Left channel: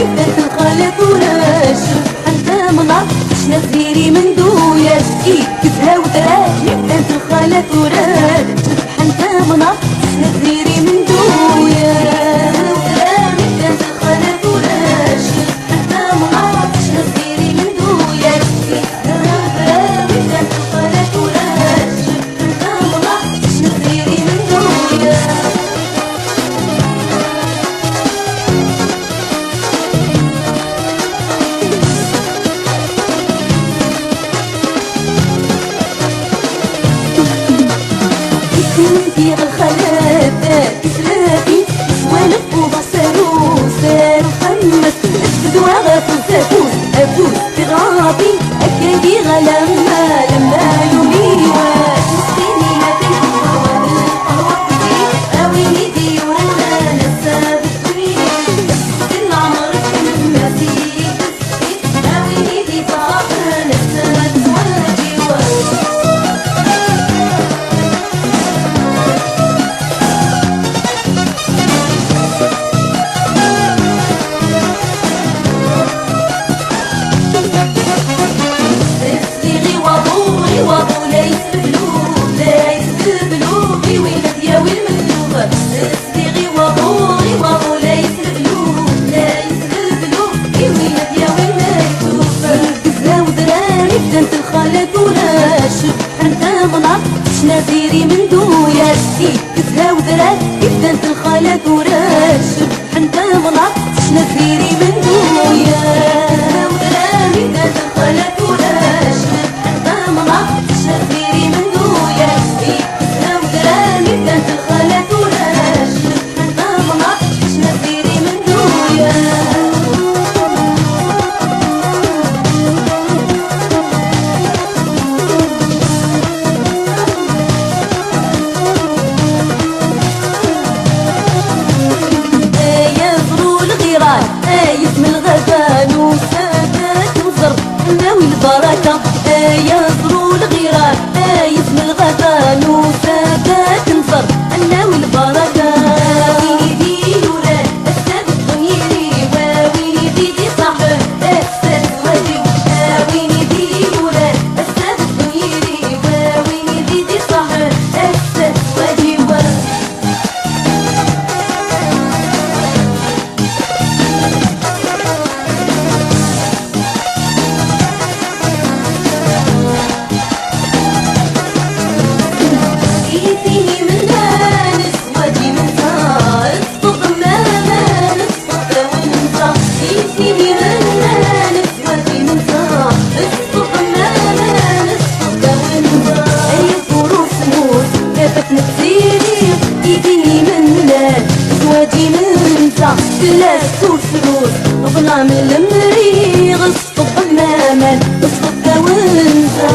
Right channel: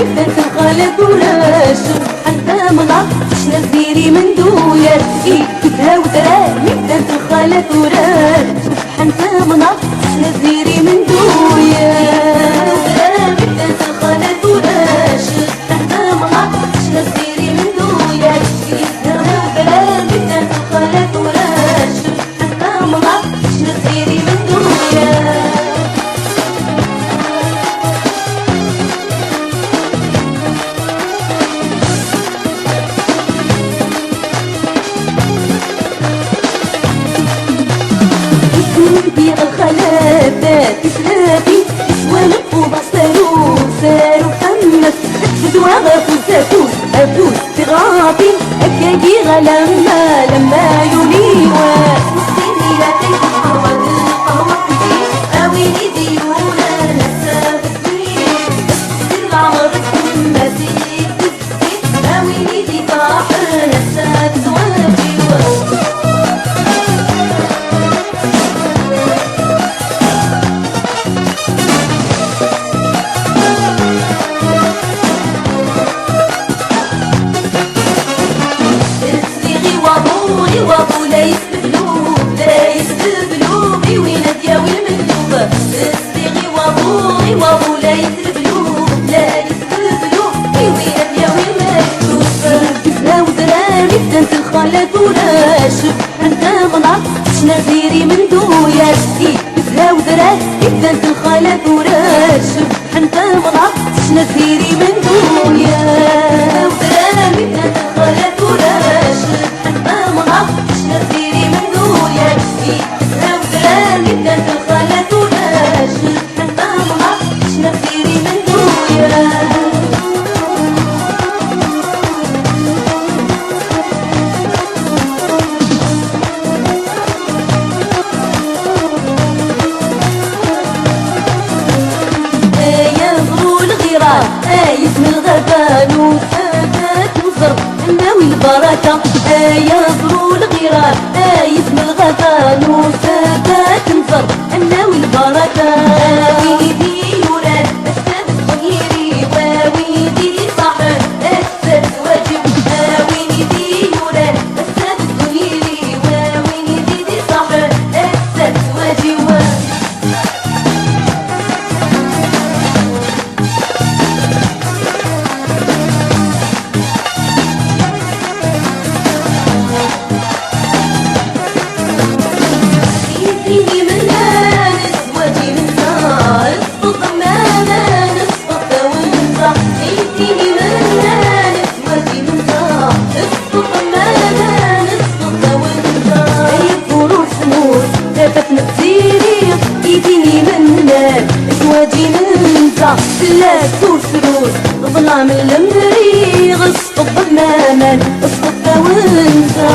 بدات الخلط وراش سبحان الله شنا زيري من دويا كتها ودراري بدات الخلط وراش سبحان الله شنا زيري من دويا بدات الخلط وراش سبحان الله شنا زيري من دويا كتها ودراري بدات الخلط وراش سبحان الله شنا زيري من دويا في الخلافات تسلافي سوالف وبصرو سارو خمس بدوا غافو سافوس أفوس تغافي أكادي غلما لما يوميوا مسكيني لا تنكوا بالقهوة كتير أويني دي وانا نسا بكتير بس العمر كنا فيك أويني دي طاحر نسا بزوالي وابو ليس ببلوب ليس ببلوب وين دياوي المندوب استغي وابو ليس ببلوب ليس ببلوب وين دياوي المندوب بزنا ودراري بدات الخلط وراش سبحان الله شنا ديري من دويا بزنا ودراري بدات الخلط وراش سبحان الله شنا ديري من دويا ودراري بدات الخلط وراش سبحان الله شنا ديري من دويا بزنا ودراري بدات الخلط وراش سبحان الله شنا ديري من دويا اسم الغزال وسادات وزر ناوي البركة يا زرو الغيران اسم الغزال وسادات وزر ناوي البركة ويدي يوران السادس ونيري ويدي دي صاحب السادس واجب ويدي يوران السادس ونيري ويدي دي صاحب السادس واجب لا تسروس ظلام المري غصب الظلام اسقط وانسى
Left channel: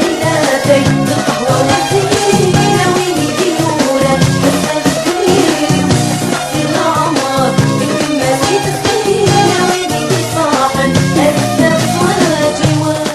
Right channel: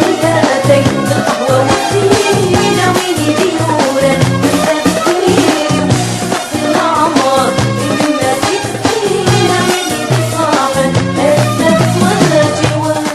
ليلاتك بالقهوة والسنين ويلي ديورا والسبتين نصي العمر مما زيد السنين ويلي بالصاحن السب والجوار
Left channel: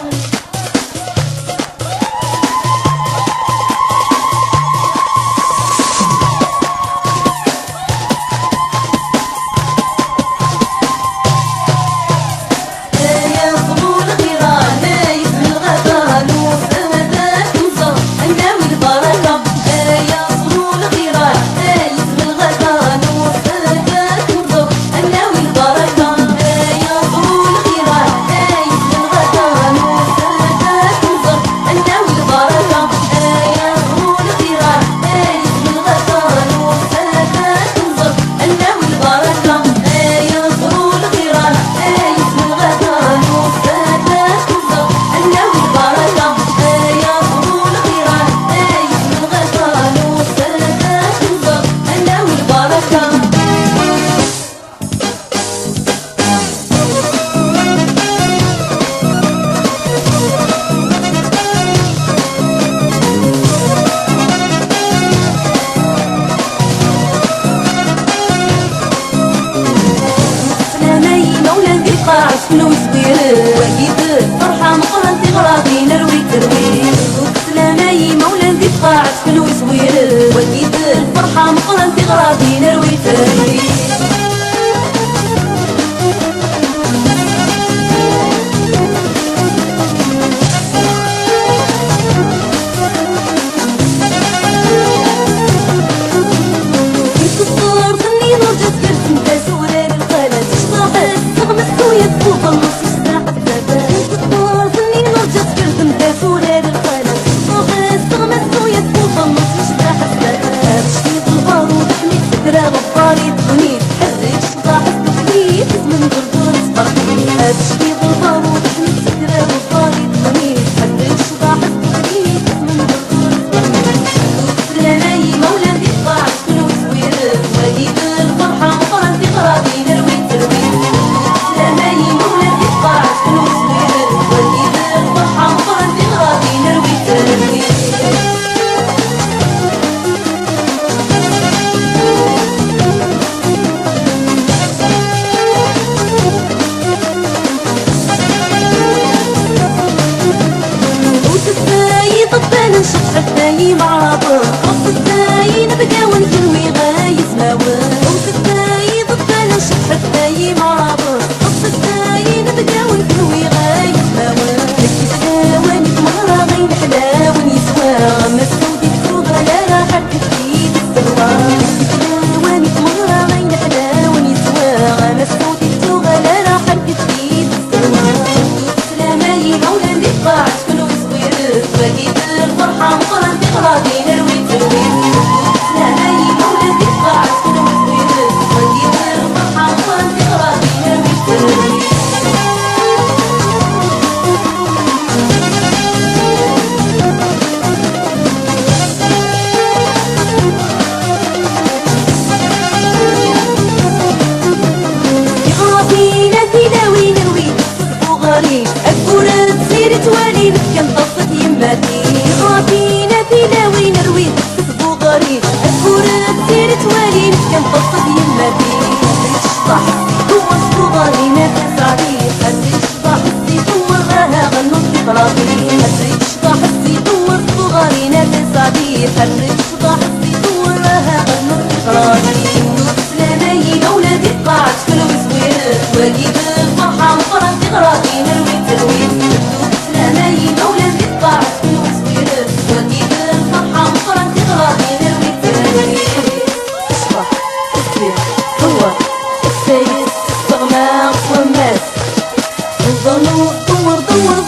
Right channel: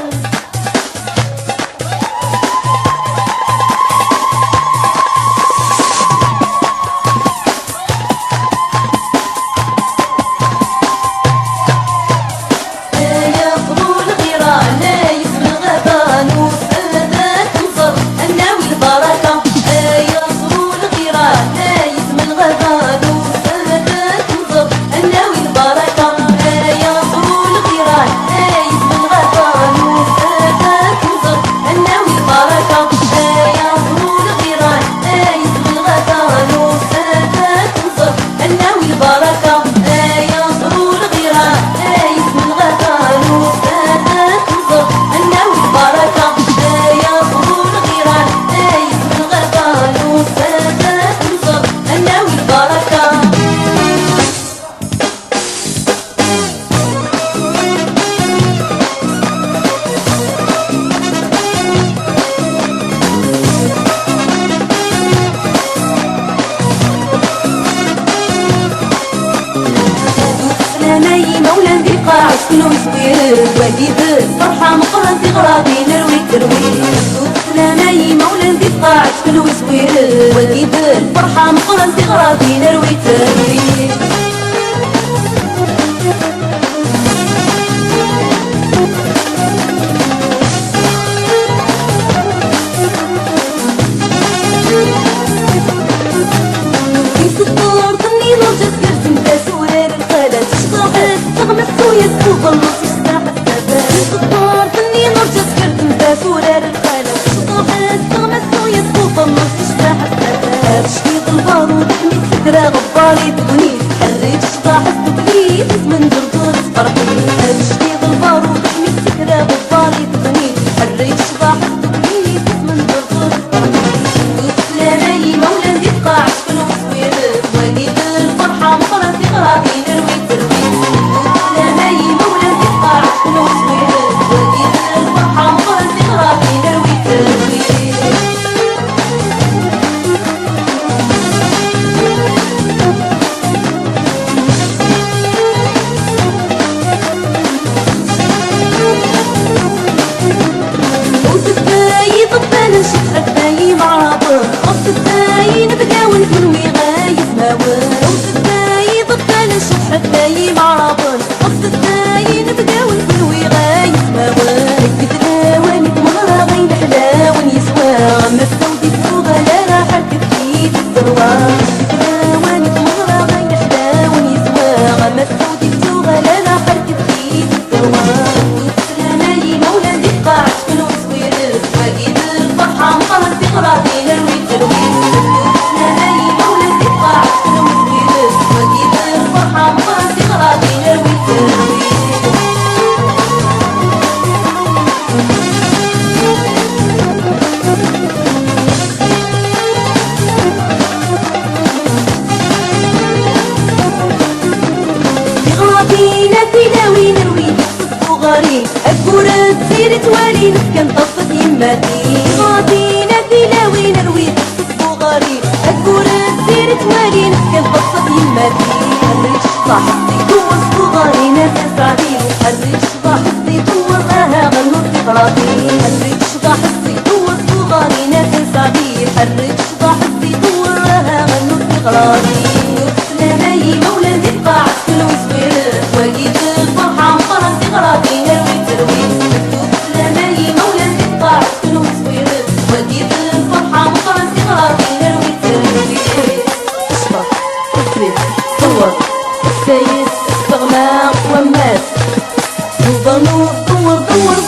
شنو زوين وليد فرحة مقرن في غراضي نروي ترويج سلامي مولا في قاعد شنو زوين وليد فرحة مقرن في غراضي نروي ترويج مسكرة غباري تغني حريت شباح التفليت من دردور فرحي أبشتي غبار وتحمي مسكرة غباري تغني حريت شباح التفليت من دردور فرحي سلامي مولى يبقى عشقن وسوير وجيب الفرحة مطرة في غرابي نروي تروي سلامي مولى يبقى عشقن وسوير وجيب الفرحة مطرة في غرابي نروي تروي نشوف حبايب عابر وسط الداي نتداول في الوغاية ناور وسط الداي ضبطة نشوف حبايب عابر وسط الداي نتداول في الوغاية ناور هكي تداول مهرة بين حلاوة نسوى ما السودي تسوغة لا راحة تكفي بالسوا هكي تداول مهرة بين حلاوة نسوى ما السودي تسوغة لا راحة تكفي بالسوا سلامي مولى اللي تبقى عشقن وسوير وجيب الفرحة مطلع في غرابي نروي تروي سلامي مولى اللي تبقى عشقن وسوير وجيب الفرحة مطلع في غرابي نروي تروي الكورة تسير توالي نحكم طفت يماتي خاطينا فينا وين نروي تكسب غريب الكورة تسير توالي نحكم طفت يماتي خلي الشبح دور صغاري ناكل صعبي خلي الشبح يدور راها غنو في غراضي خلي الشبح يدور صغاري ناكل صعبي خلي الشبح يدور راها غنو في غراضي سلامي مولى يبقى عسكر وسوير وجيب الفرحة مقرن في غراضي نروي تروي سلامي مولى يبقى عسكر وسوير وجيب الفرحة مقرن في غراضي نروي تروي اشبح الزيت صور السيد استغنى والناس دور دور دور دور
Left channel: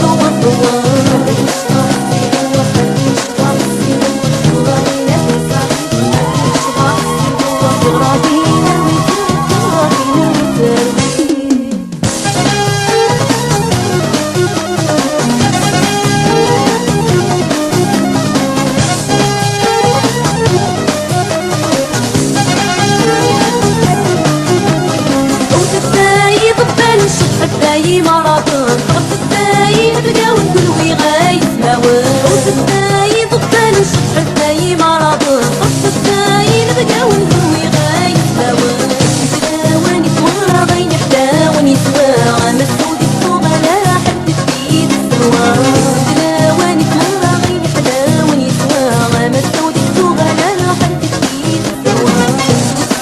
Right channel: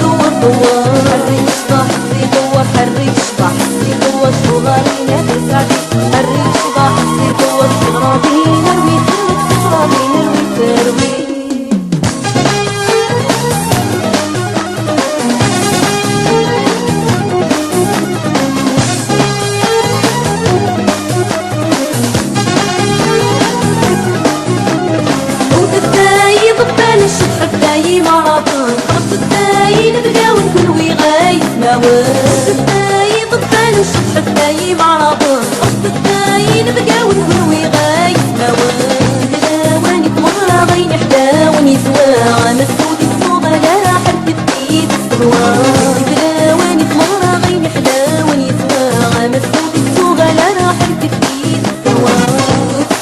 دور دور خلي الشبح يدور خلي الشبح يدور شغالي نفس علي خلي الشبح يدور غراضي نروي غراضي نروي تروي نشوف حبايب عابر وسط الداي نتداول كل وغاية ناور وسط الداي ضبطة نشوف حبايب عابر وسط الداي نتداول كل وغاية ناور نتداول نتمرة بين حداوة نسوا على السود الصوبة لا حد تفيد السوا نتداول نتمرة بين حداوة نسوا على السود الصوبة لا حد تفيد السوا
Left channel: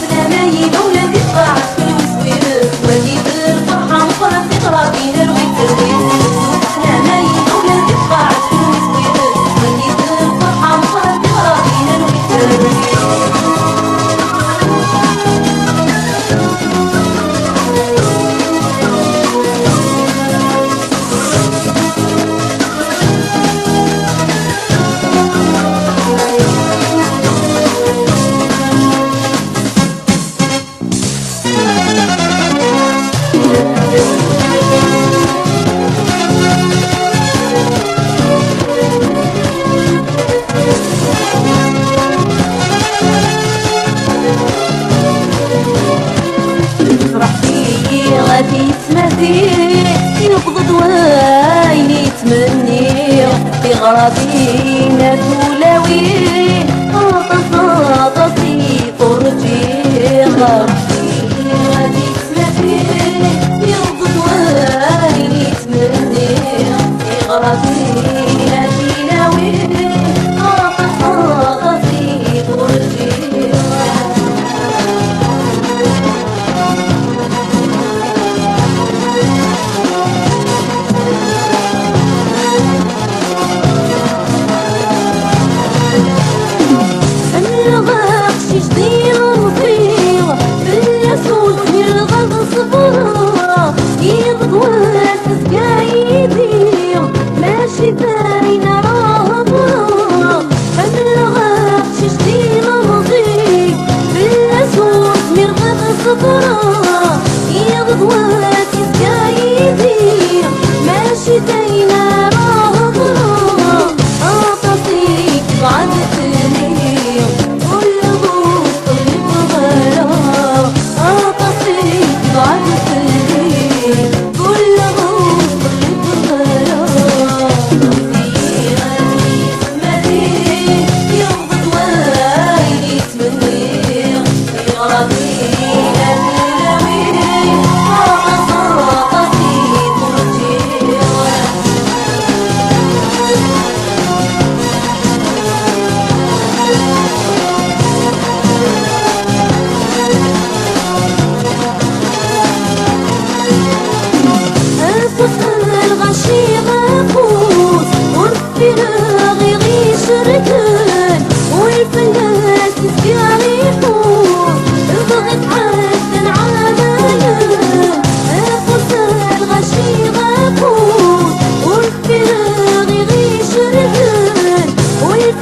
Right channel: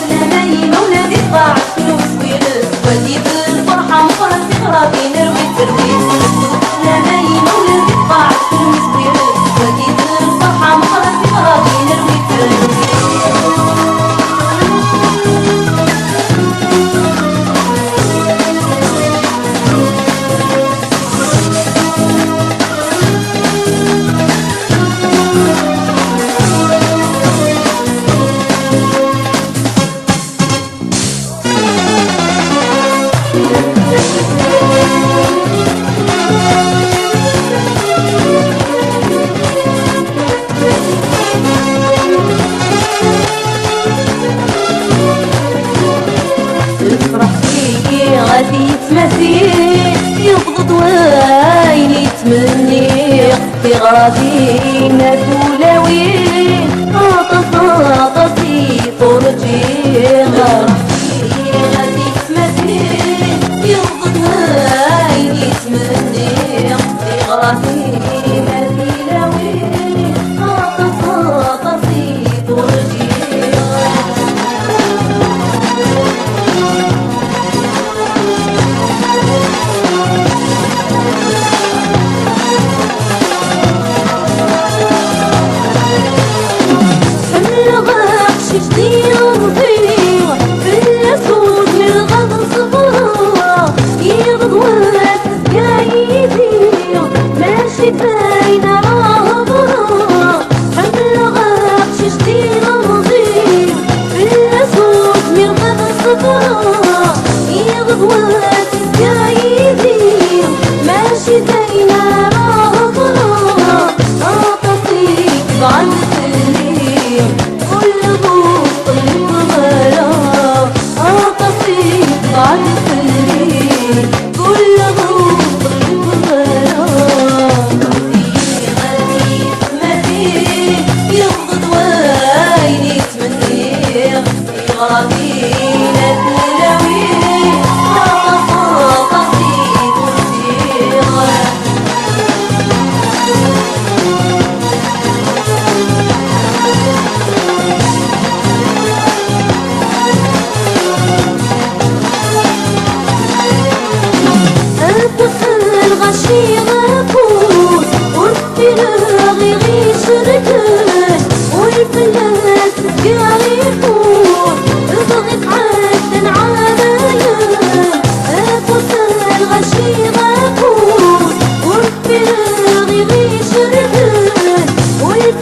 سلامي مولى يبقى عسكر وسوير وجيب مقرن في غرابي نروي تروي سلامي مولى يبقى عسكر وسوير وجيب الفرحة مقرن في غرابي نروي تروي غادي يتمثل يبغض وين يتمني في غرابي نادولاوي عطاسي فرجي غادي يتمثل يبغض وين يتمني في غرابي نادولاوي عطاسي فرجي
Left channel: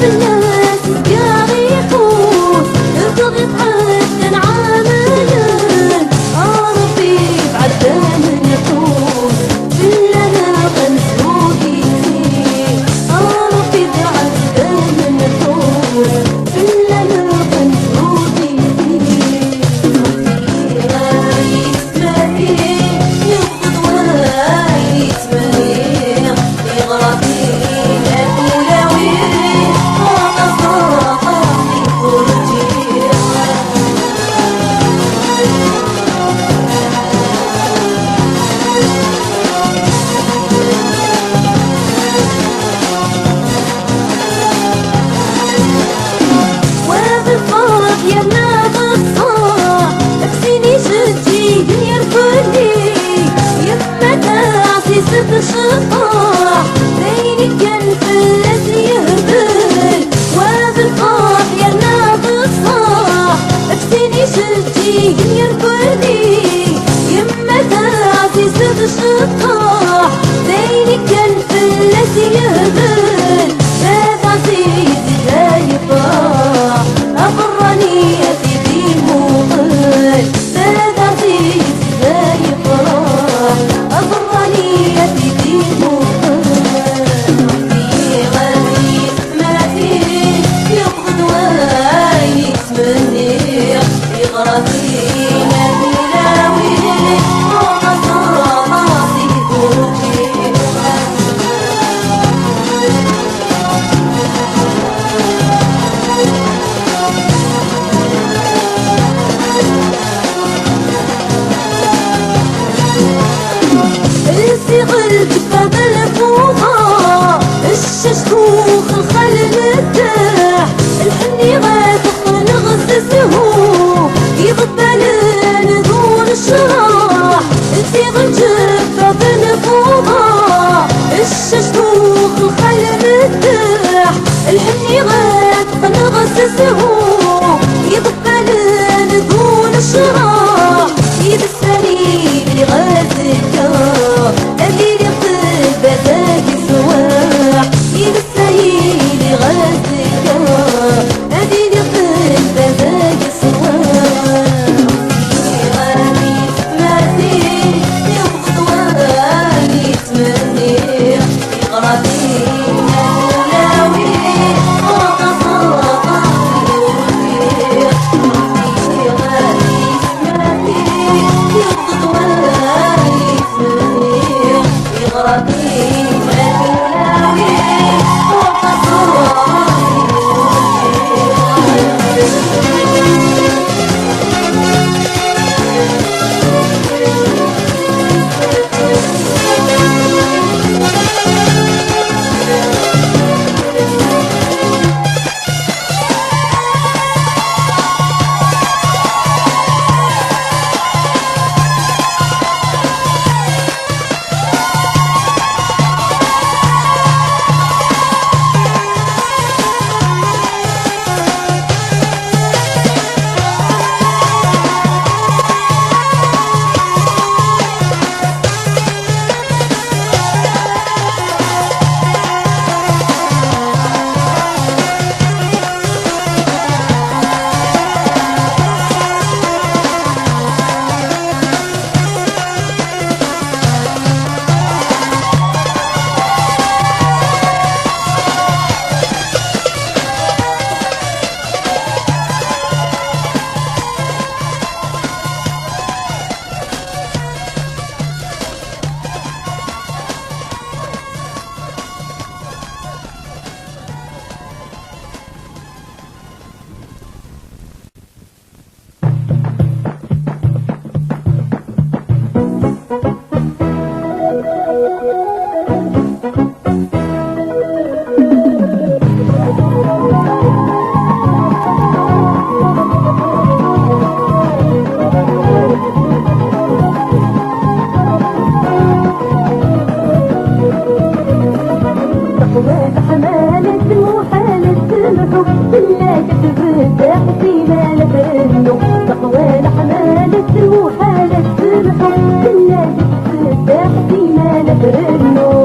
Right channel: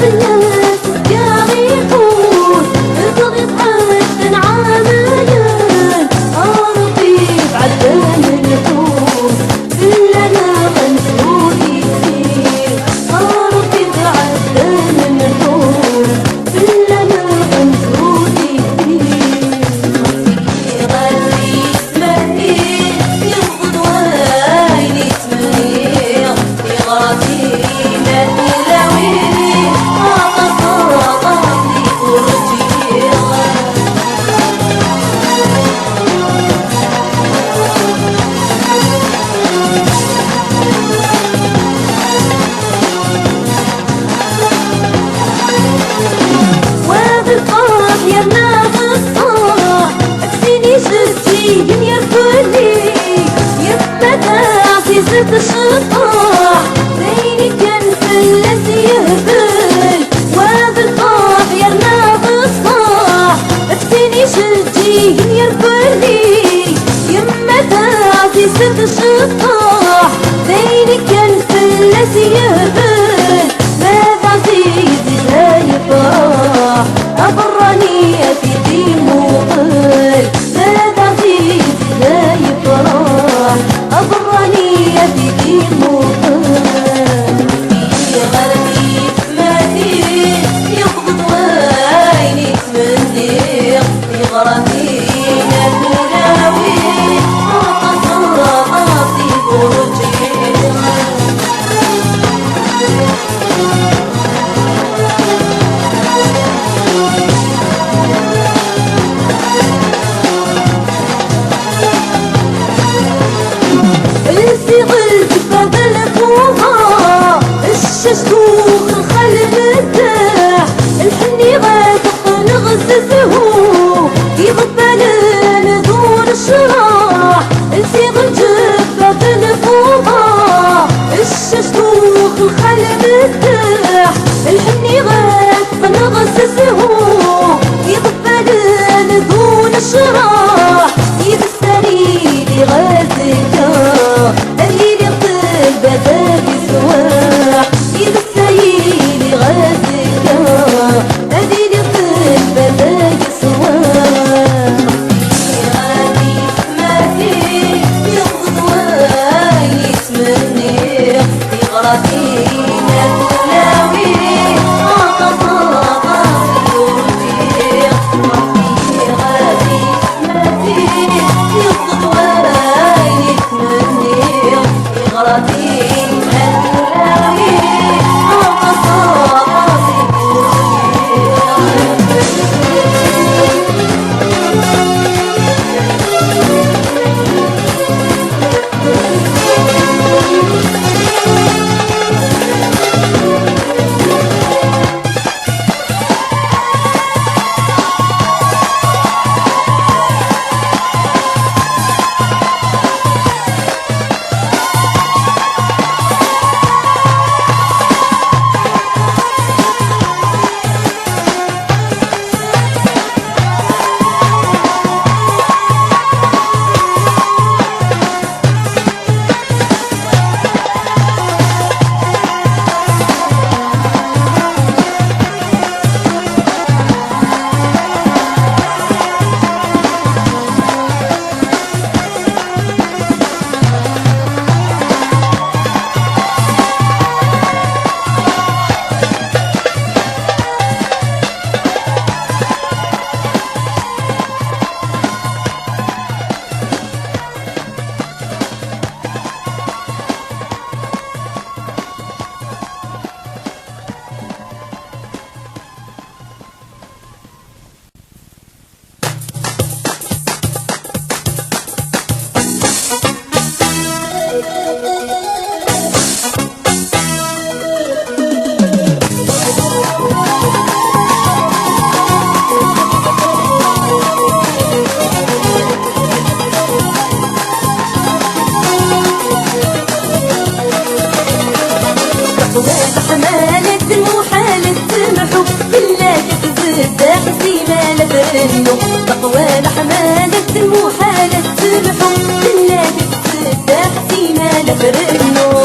الناس جاري يقول تغيب حتى عاملين عارفي بعدين النفوس إلا مسعودي عارفي بعدين النفوس إلا مسعودي غالي اسمعي يغض وعيني اسمعي يغرتي الأولوي وبالقرب يا ناس اكسيني شدي يرفضني يبقى في 6 شطاح زيني كان فلتي يهبل وبالقرب يا ناس اكسيني شدي يرفضني يبقى في 6 شطاح زيني كان فلتي يهبل ما بعطيك زي طاح أبرني في دين مقل ما بعطيك زي طاح أبرني في دين مقل في غربي ما فيه يبغض وعيني تمني في غربي نلاوي راسي بروجي الصغر بفضل فوها الششكوخ الخل مرتاح الحني غاتح نغسسه يبطل نذور الشراح الصغر بفضل فوها الششكوخ الخل مرتاح الحني غاتح نغسسه يبطل نذور الشراح يبسري غازك اللي يقل بدل سواح يبسري غازك اللي يقل بدل سواح غادي ما فيه يغض ويسمني يغربي نلاوي قصر قاسي ورفيق غادي ما فيه يغض ويسمني يغربي نلاوي قصر قاسي منه تقوى حمالة المحالة الحب الذي تفتح فينا نفرنه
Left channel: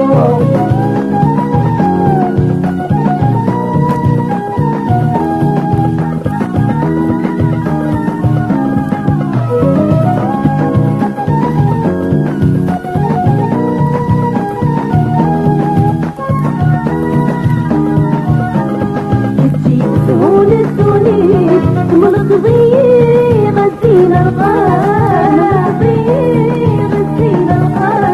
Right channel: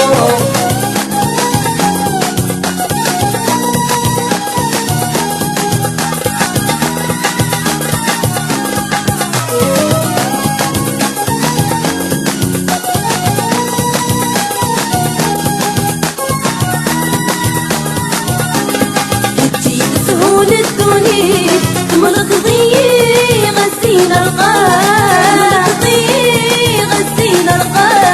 تسهون الدنيا تملك ضيق غسيل القاع غسيل القاع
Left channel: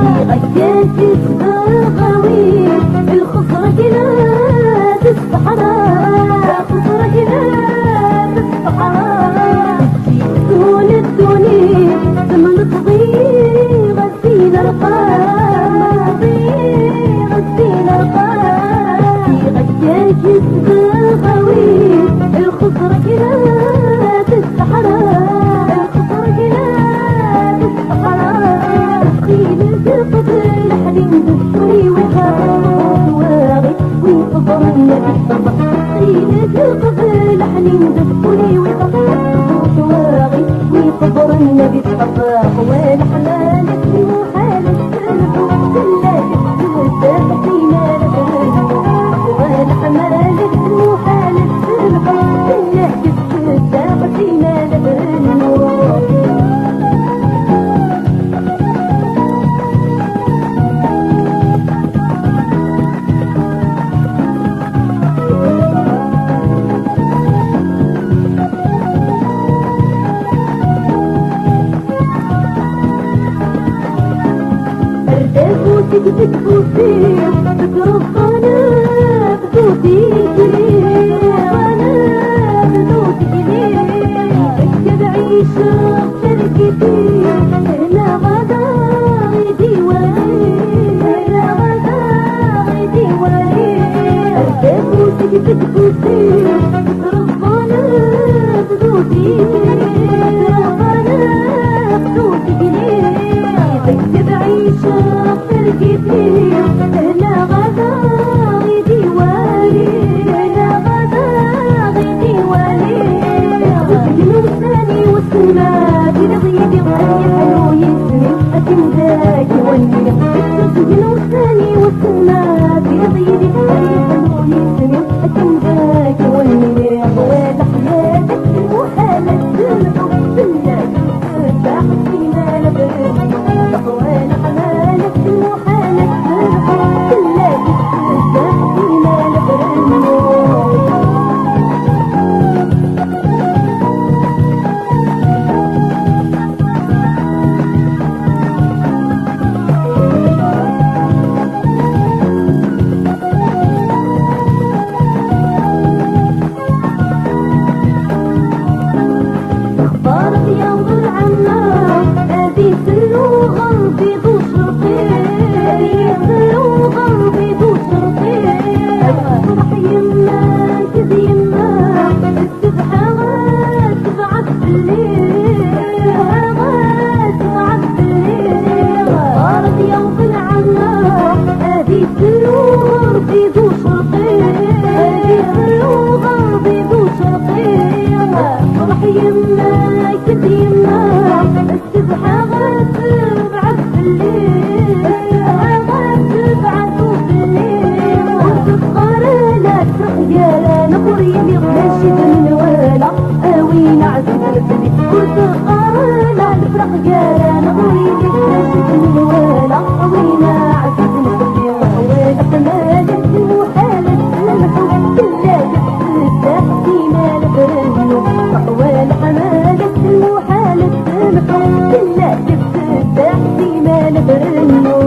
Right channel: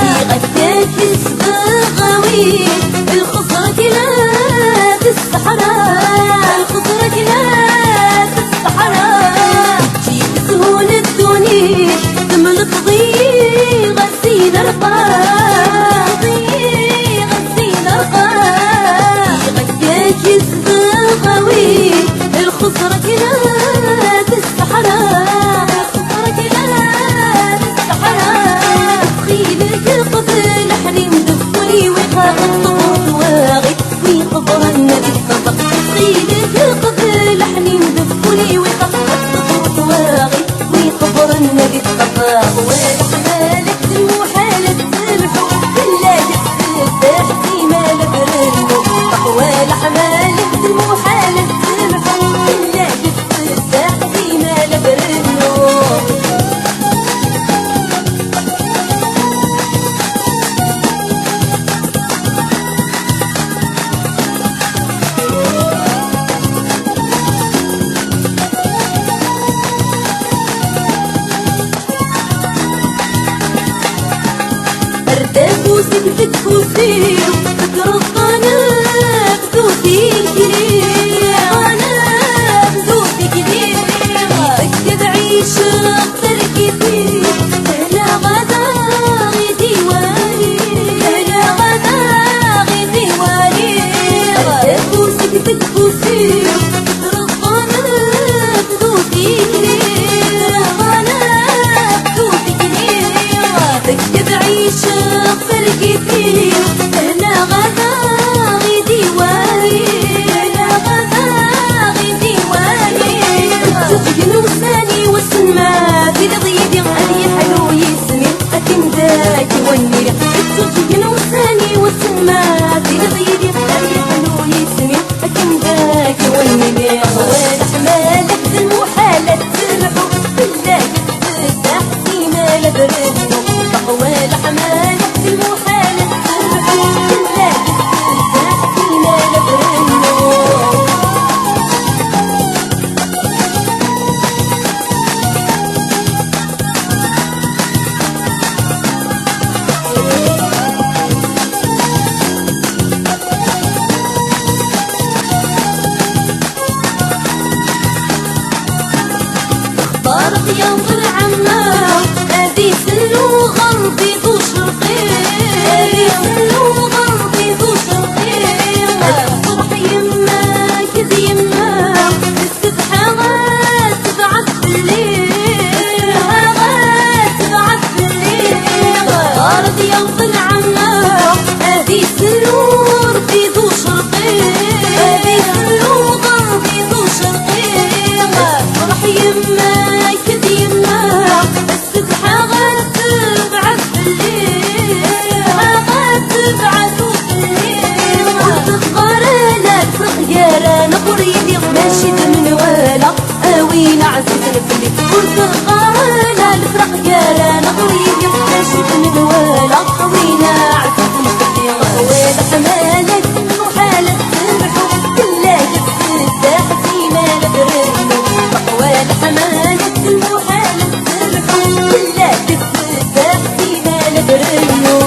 في غداك السبغاوي الخصرة كلاب الصحراء الخصرة كلاب الصحراء في تسهون الدنيا تملك ضيق غسيل القاع غسيل القاع في غداك السبغاوي الخضرة كلاب الصحراء الخضرة كلاب الصحراء خيلك قبل حريم دفولي وخاف الطبوط واغي ويقبر النبي الطبق خيلك قبل حريم دفولي وخاف الطبوط واغي ويقبر النبي الطبق والحمالك المحالة الحب لا تفتح في مال برنو والحمالك المحالة الحب لا تفتح في مال برنو سكتت فوسي فكر الطناب دوتي كريم طناب دوتي كريم يفكد عيش تركتي هلا غدا غيدي واري هلا غدا غيدي واري ردافو سكتت فوسي فكر الطناب دوتي كريم طناب دوتي كريم يفكد عيش فرقتي هلا غدا غيدي واري هلا غدا غيدي واري تسجن وساني والسنما في ضيدي غالي حلو يسمي أكن ذاك والنيل تسجن وساني والسنما في ضيدي غالي حلو يسمي أكن ذاك والنيل والأحمالك المحالة الحب بالله تفتح فينا لبرد والحمالك المحالة الحب بالله تفتح فينا لبرد اختارك يا ضل عمار هذه سلو غربي ذو شرقي سلو غربي ذو شرقي الفرح يماك ذي يماك السبحة غاتبعت بالليل غاتبعت بالليل اختارك يا ضل عمار هذه سلو غربي ذو شرقي هذه سلو غربي ذو شرقي الفرح يماك ذي يماك السبحة غاتبعت بالليل غاتبعت بالليل وتفقر لك خيارة نقريني ماشي من ولا اوين عزيز نفلي وتفقر لك خيارة نقريني ماشي من ولا اوين عزيز نفلي والحمالك المحالة الحب بالله تفتح فينا لبرنو والحمالك المحالة الحب بالله تفتح فينا لبرنو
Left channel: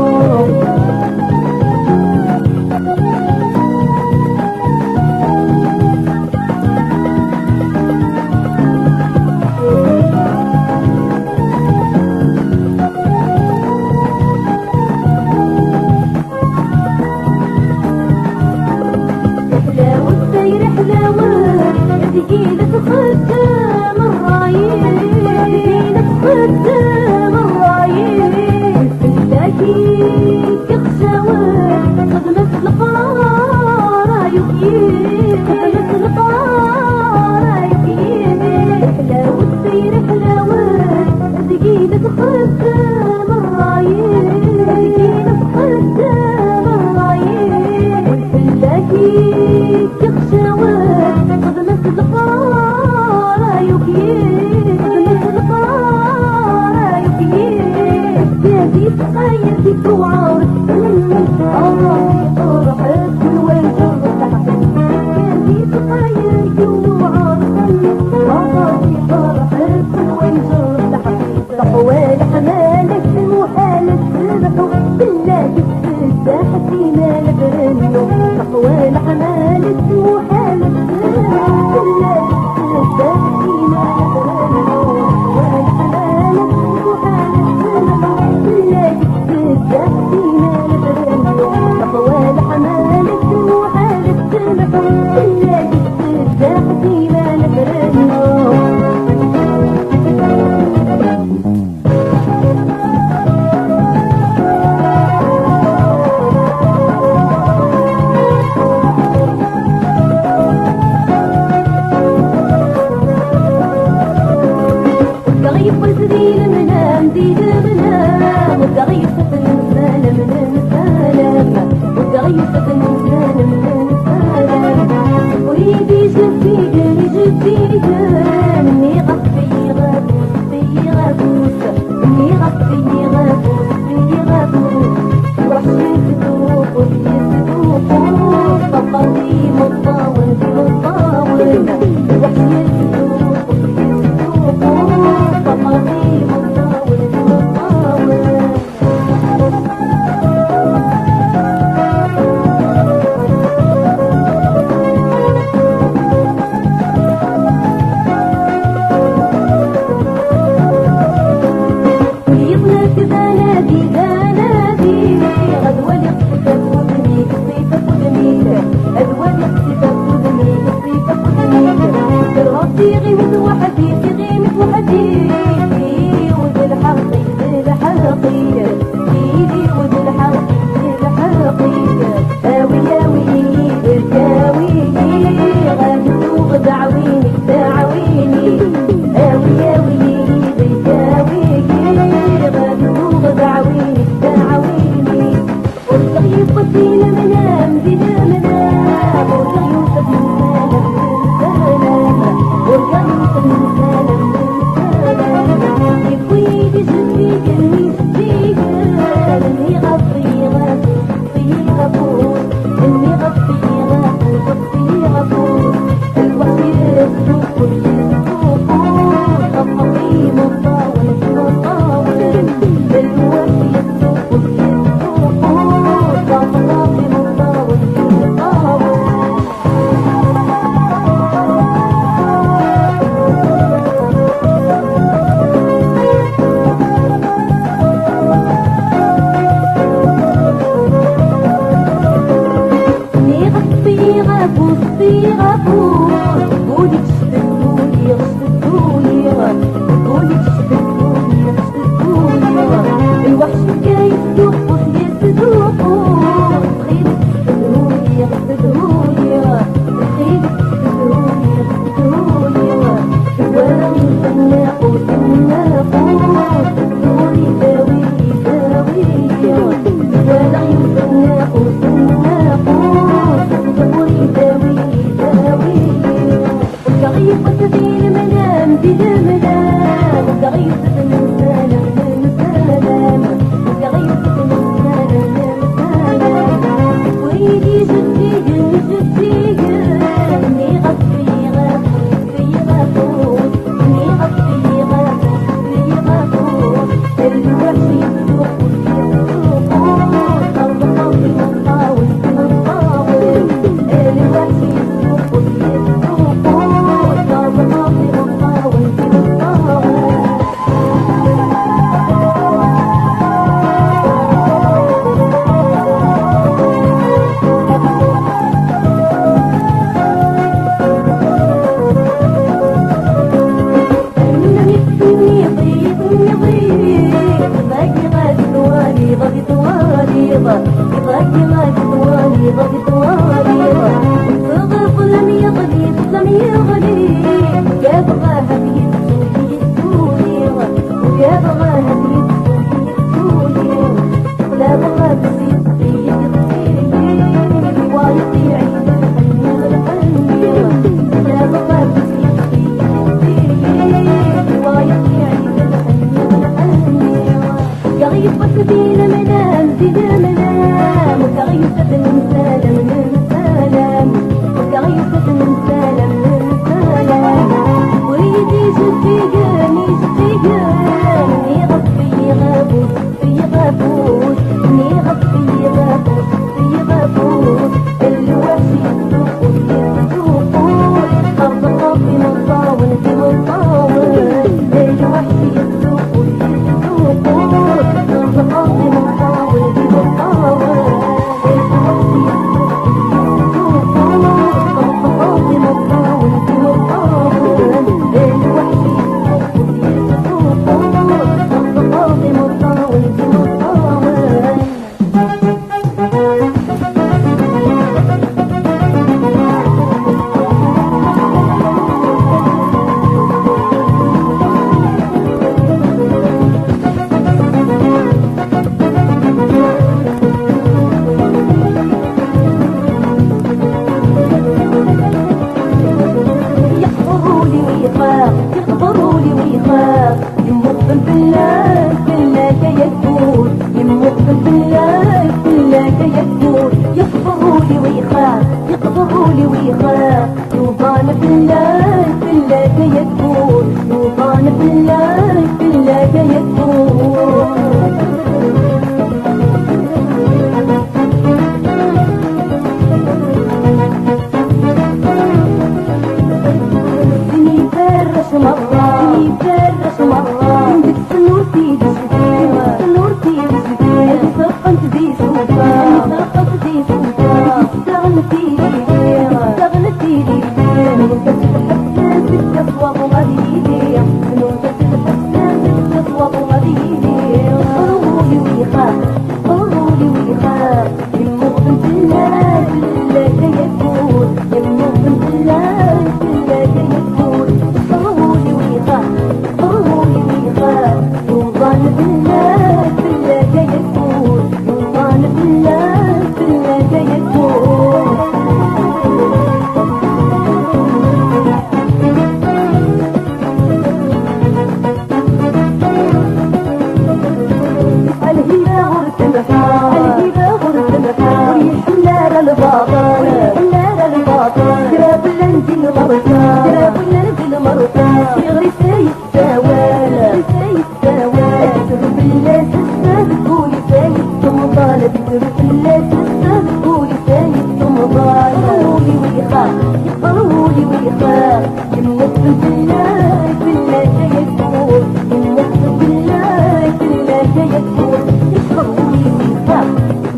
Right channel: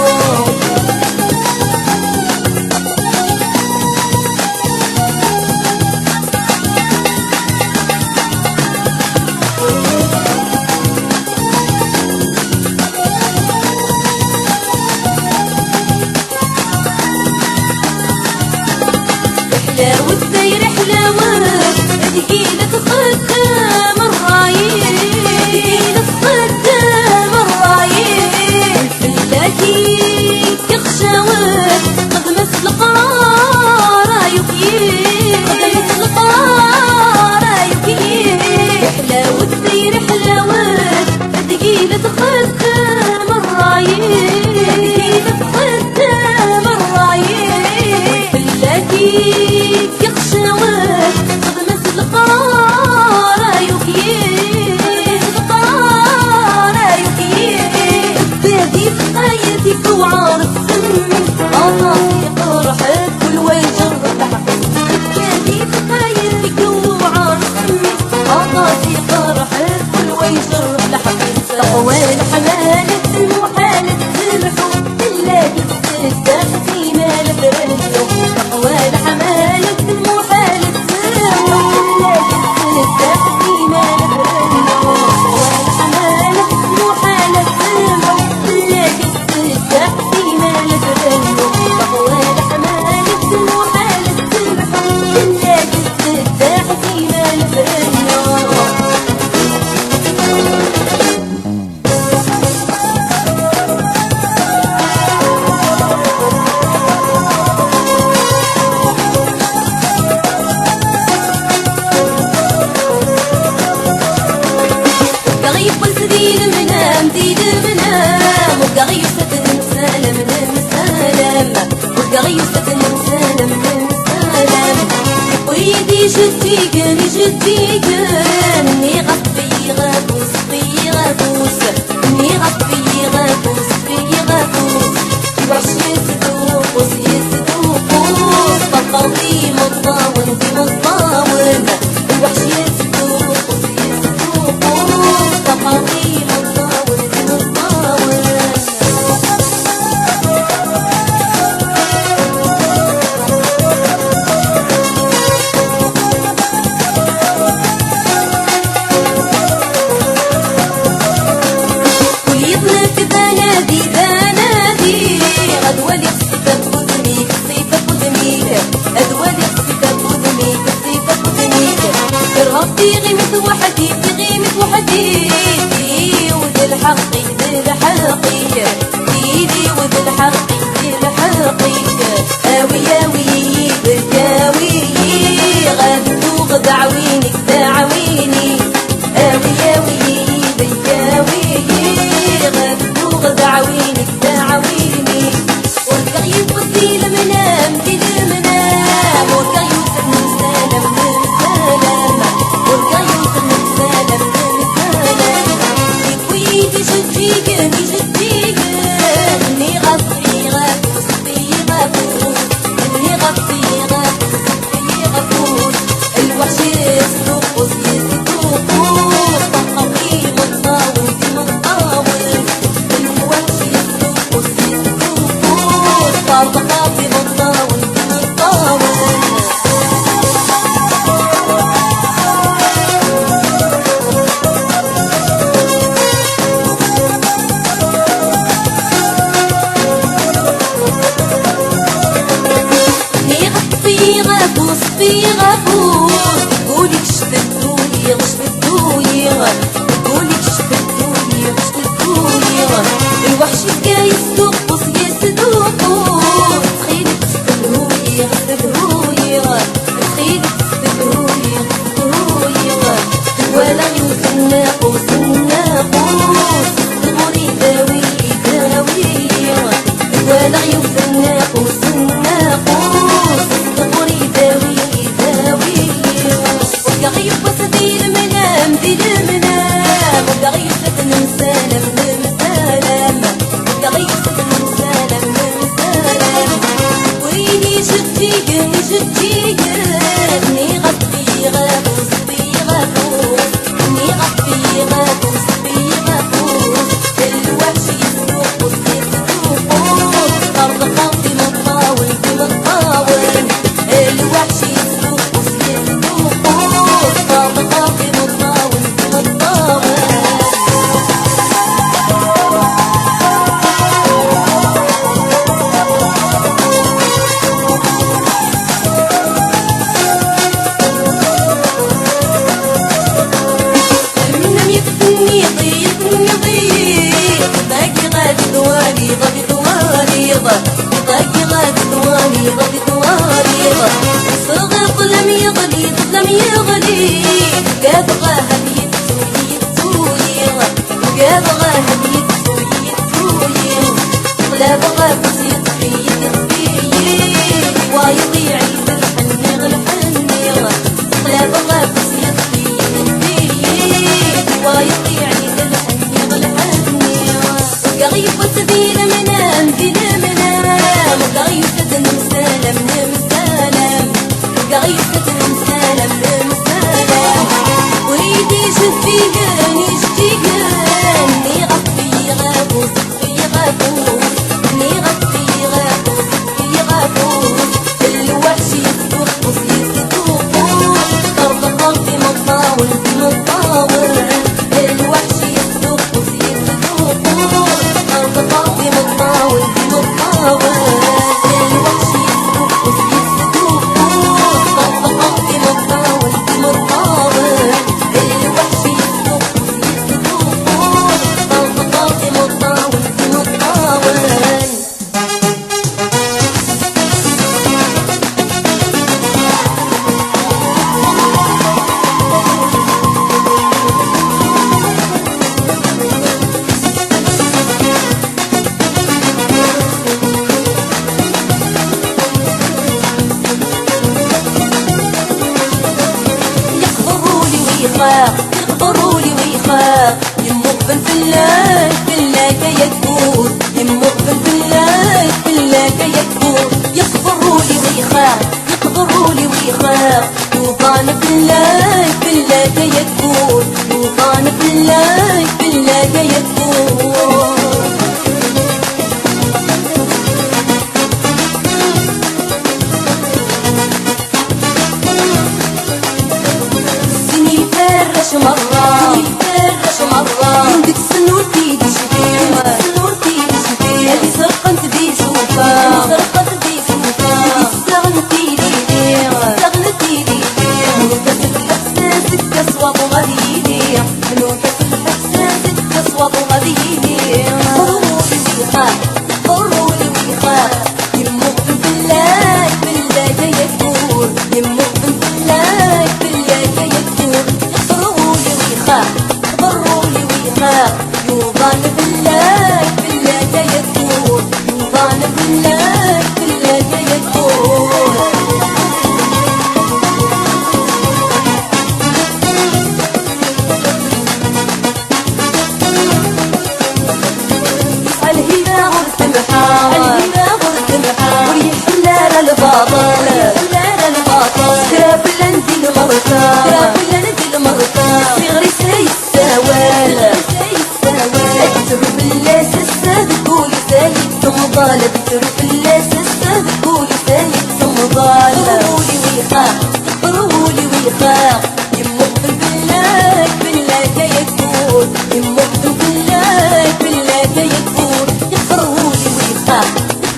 حلاوة داير حلاوة تجيلك خدام الرايين تجيلك خدام الرايين الفلاكي كخشاوات قد مثل قرار يكيين قد مثل قرار يكيين حلاوة داير حلاوات تجيلك خدام الرايين تجيلك خدام الرايين الفلاكي كخشاوات قد مثل قرار يكيين مثل قرار يكيين بادي في حياتك وعارف سنك أنا في قرحك والوين جرب بادي في حياتك ويدي جديقني جديقني غطي غابوس في غابوس اني غطي غابوس في غابوس واش يصدوقوس يصدوقوس فقضي مطاون في مطاون واش يصدوقوس يصدوقوس فقضي مطاون في مطاون في غيمة وحدي في غيمة وحدي في ود الحقي ذي الحقي في ود الحقي ذي الحقي آوي آوي بالكاوي غادو دعوينك دعويني آوي آوي بالكاوي غادو دعوينك دعويني وركا يبطي المنام في المنام وركا يوسف نسالم نسالم وركا يوسف نسالم نسالم ويدي جديقني جديقني غطي غابوس في غابوس اني غطي غابوس في غابوس الوحش يصدوقوس يصدوقوس طقمي مطاول في مطاول الوحش يصدوقوس يصدوقوس طقمي مطاول في مطاول في غابوس في غابوس قولك شفتوني غشفتوني قولك شفتوني غشفتوني الوحش كاي يصدوقوس يصدوقوس تخيلك تستدهوني غشفتوني تخيلك تستدهوني غشفتوني ولا يوسف ناقوس الناقوس صغري داوي داوي ولا يوسف ناقوس الناقوس صغري داوي داوي وكا غيبص ذي المنام ذي المنام وكا غيبص نمسالم نمسالم وكا غيبص نمسالم نمسالم ويني جديقني جديقني غطي غابوس في غابوس اني غطي غابوس في غابوس الوحش يصدوقوس يصدوقوس خلقي مطاول في مطاول الوحش يصدوقوس يصدوقوس خلقي مطاول في مطاول منم يفتني ضيقني ضيق باقي غادي ثواني غادي ثواني باقي غادي ثواني غادي ثواني وصغر ظلم يغلي ظلم يغلي قابغاها بيتسوي يتسوي قابغاها بيتسوي يتسوي قلابغا بس يطفي يطفي ويطيع الحني الحني قلابغا بس يطفي يطفي ويطيع الحني الحني وقغيبة ذي المنام ذي المنام وقغيبة نمسالم نمسالم وقغيبة نمسالم نمسالم ويدي جديقني جديقني غطي غابوس في غابوس اني غطي غابوس في غابوس الوحش يصدوقوس يصدوقوس طرطقي مطاول في مطاول الوحش يصدوقوس يصدوقوس طرطقي مطاول في مطاول الوحش يصدوقوس يصدوقوس طرطقي مطاول في مطاول الوحش يصدوقوس يصدوقوس ويخاف يقبرولي ويخاف يمقبل بالله بالله كيكبر يمقبل بالله بالله كيكبر يقبرولي ويخاف يقبرولي ويخاف يوضان بالله بالله كيكبر يوضان بالله بالله كيكبر مرة يفرش مرة عندك سنور في جبال سنور في جبال هذي سرقت في سوفا هذي سرقت في سوفا هذي استغنت في ديدير استغنت في ديدير منو كسب الإحساسك كسوط وغادي يدير منو كسب الإحساسك كسوط وغادي يدير قرولي ويخاف قرولي ويخاف يمقبل بالله بالله كيكبر يمقبل بالله بالله كيكبر قبرولي ويخاف يوضان بالله بالله كيكبر يوضان بالله بالله كيكبر الهنا غرس البحار الهنا غرس البحار وريح الليل الباطل الليل الباطل سكراب لنزل مرتا سكراب لنزل مرتا صغري سايساوال تروح اللاس الساد قولي سايد ثم ضالة تروح اللاس الساد قولي سايد ثم ضالة قرولي ويخاف قرولي ويخاف يمقبل بالله بالله كيكبر يمقبل بالله بالله كيكبر يقرولي ويخاف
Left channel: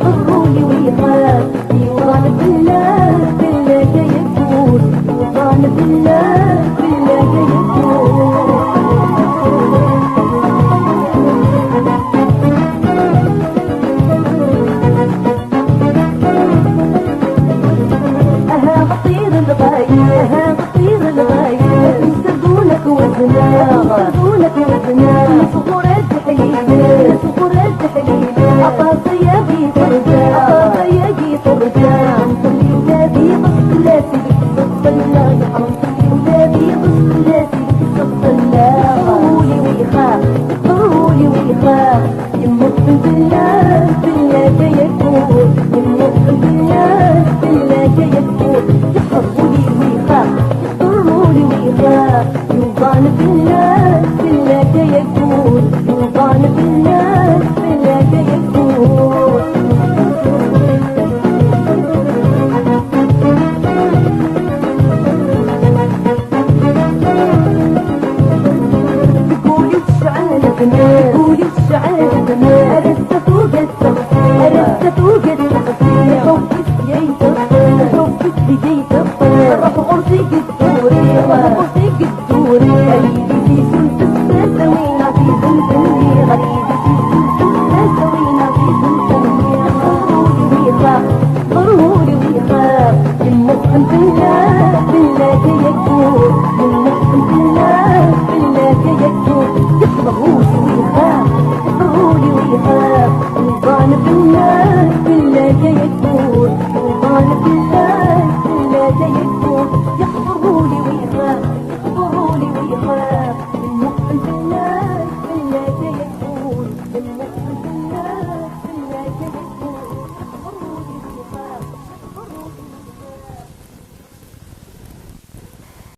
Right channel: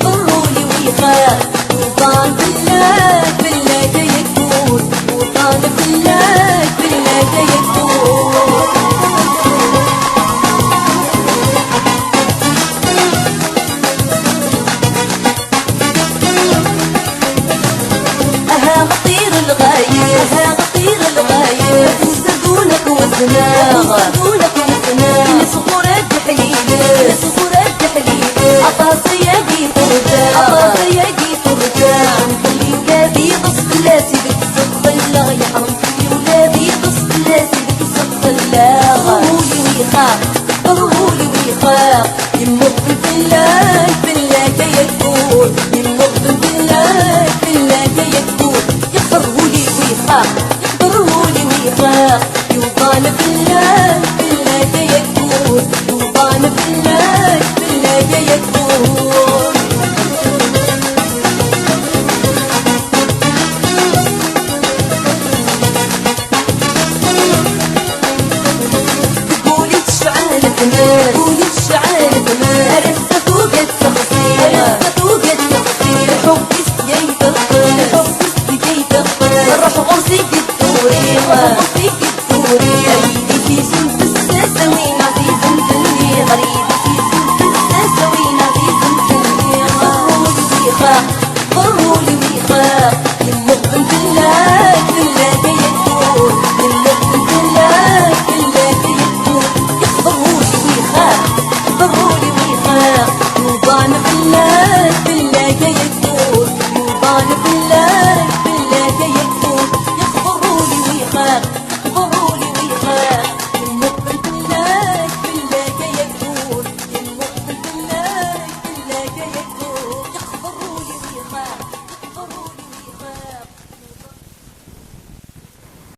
يقرولي ويخاف يوضان بالله بالله كيكبر يوضان